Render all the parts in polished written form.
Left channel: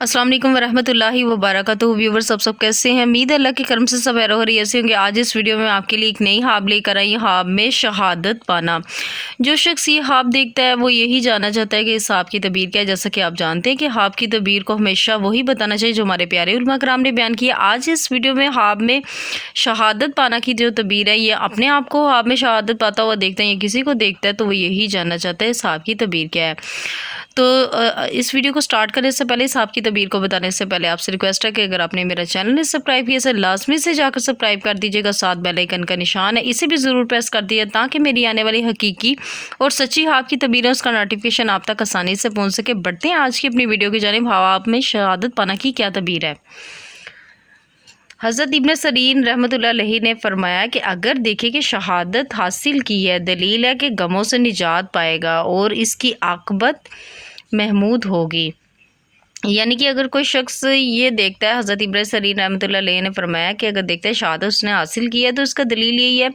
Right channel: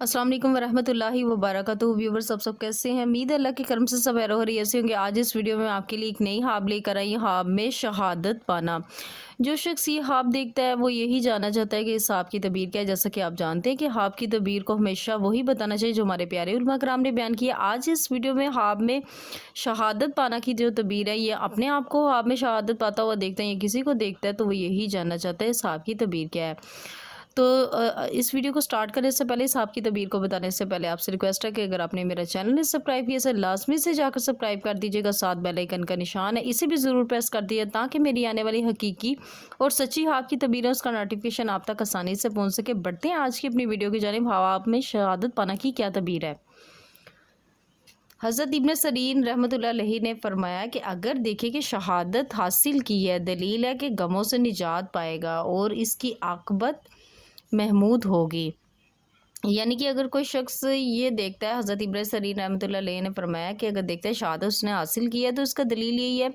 अस्सलाम वालेकुम वरहमतुल्लाहि वबरकातुहू। व्यूवर्स सब कैसे हैं? उम्मीद है अल्लाह के करम से सब खैर और ऐसे होंगे। आज इस वीडियो में आपके लिए एक नई ख्वाब लेकर आई, ख्वाब में शहादत पाना। जो शख्स ये ख्वाब देखता है वो यही जानना चाहता है कि इस ख्वाब की तबीर क्या है। जैसा कि आप जानते हैं कि ख्वाब की तबीर को हमेशा वही बताना चाहिए जो हमारे प्यारे उलमा कराम ने बयान किया। आज इस वीडियो में ख्वाब में शहादत पाना की जो तबीर है, ये अपने आप को ख्वाब में शहादत पाता हुआ देखता है या किसी को देखता है तो वो यही जानना चाहता है इस ख्वाब की तबीर क्या है। तो इस वीडियो को स्टार्ट करने से पहले, इस आपकी तबीर को बताने से पहले आपसे रिक्वेस्ट है कि अगर आपने मेरा चैनल नहीं सब्सक्राइब किया, इसे लाजमी से जाकर सब्सक्राइब कर दीजिएगा। साथ बेल आइकन का निशान है, इसे भी ज़रूर प्रेस कर दिया ताकि मेरी आने वाली हकीकी और सच्ची आपकी तबीरें, उसका नोटिफिकेशन आप तक आसानी से पहुँच सके। बढ़ते हैं आज की अपनी वीडियो की जानिब। ख्वाब में शहादत पाना की क्या तबीर है। हज़रत इब्न सरीन रहमतुल्लाह अलैहि ने फरमाया कि अगर देखे कि शहादत हासिल की है, दलील है कि गमों से निजात पाएगा और इसकी आकबत महमूद होगी। यानी कि अगर कोई शख्स ये देखता है, हज़रत इब्न सरीन रहमतुल्लाह अलैहि ने फरमाया कि अगर देखता है शहादत उसने हासिल की है तो इसका दलील यही है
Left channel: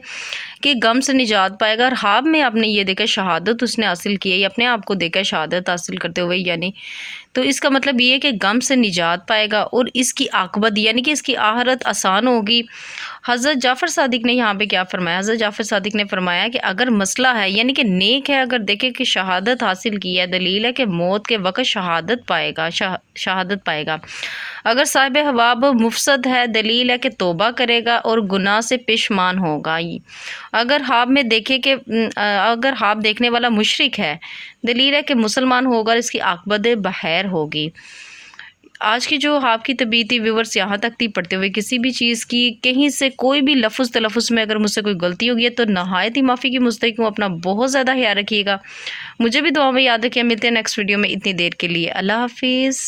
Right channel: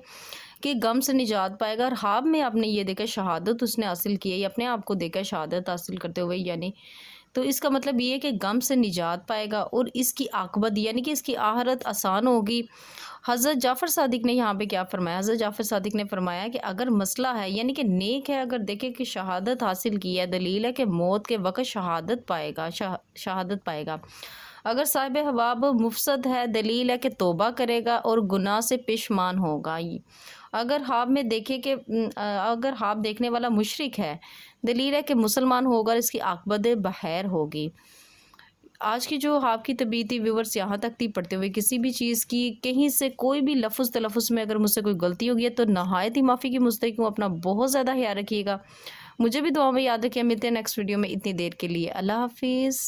कि गम से निजात पाएगा। और ख्वाब में आपने ये देखा शहादत उसने हासिल की है, या अपने आप को देखा शहादत हासिल करते हुए, यानी तो इसका मतलब ये है कि गम से निजात पाएगा और इसकी आकबत यानी कि इसकी आहरत आसान होगी। हज़रत जाफ़र सादिक ने यहाँ पे क्या फ़रमाया? हज़रत जाफ़र सादिक ने फ़रमाया कि अगर मसला है यानी कि नेक है, अगर देखे कि शहादत हासिल की है, दलील है कि मौत के वक़्त शहादत पाएगा, शहादत पाएगा। अगर साहिब हवाब मुफसद है, दलील है कि तौबा करेगा और गुनाह से पेशमान होगा। अगर ख्वाब में देखे कि अगर ख्वाब देखने वाला मुशरिक है, दलील है कि मुसलमान होगा और इसकी आकबत बखैर होगी। आज की जो आपकी तबीयत थी व्यूवर्स, यहाँ तक थी पढ़ते हुए किसी भी चीज़ की कहीं से कोई भी लफ्ज़ तलफ़ुज़ में अगर मुझसे कोई गलती होगी है तो नहायत ही माफ़ी की मुस्तहिक़ हूँ। अपना बहुत ज़्यादा ख्याल रखिएगा, मुझे भी दुआ में याद रखिए। मिलते हैं नेक्स्ट वीडियो में। इतनी देर के लिए अल्लाह हाफिज़।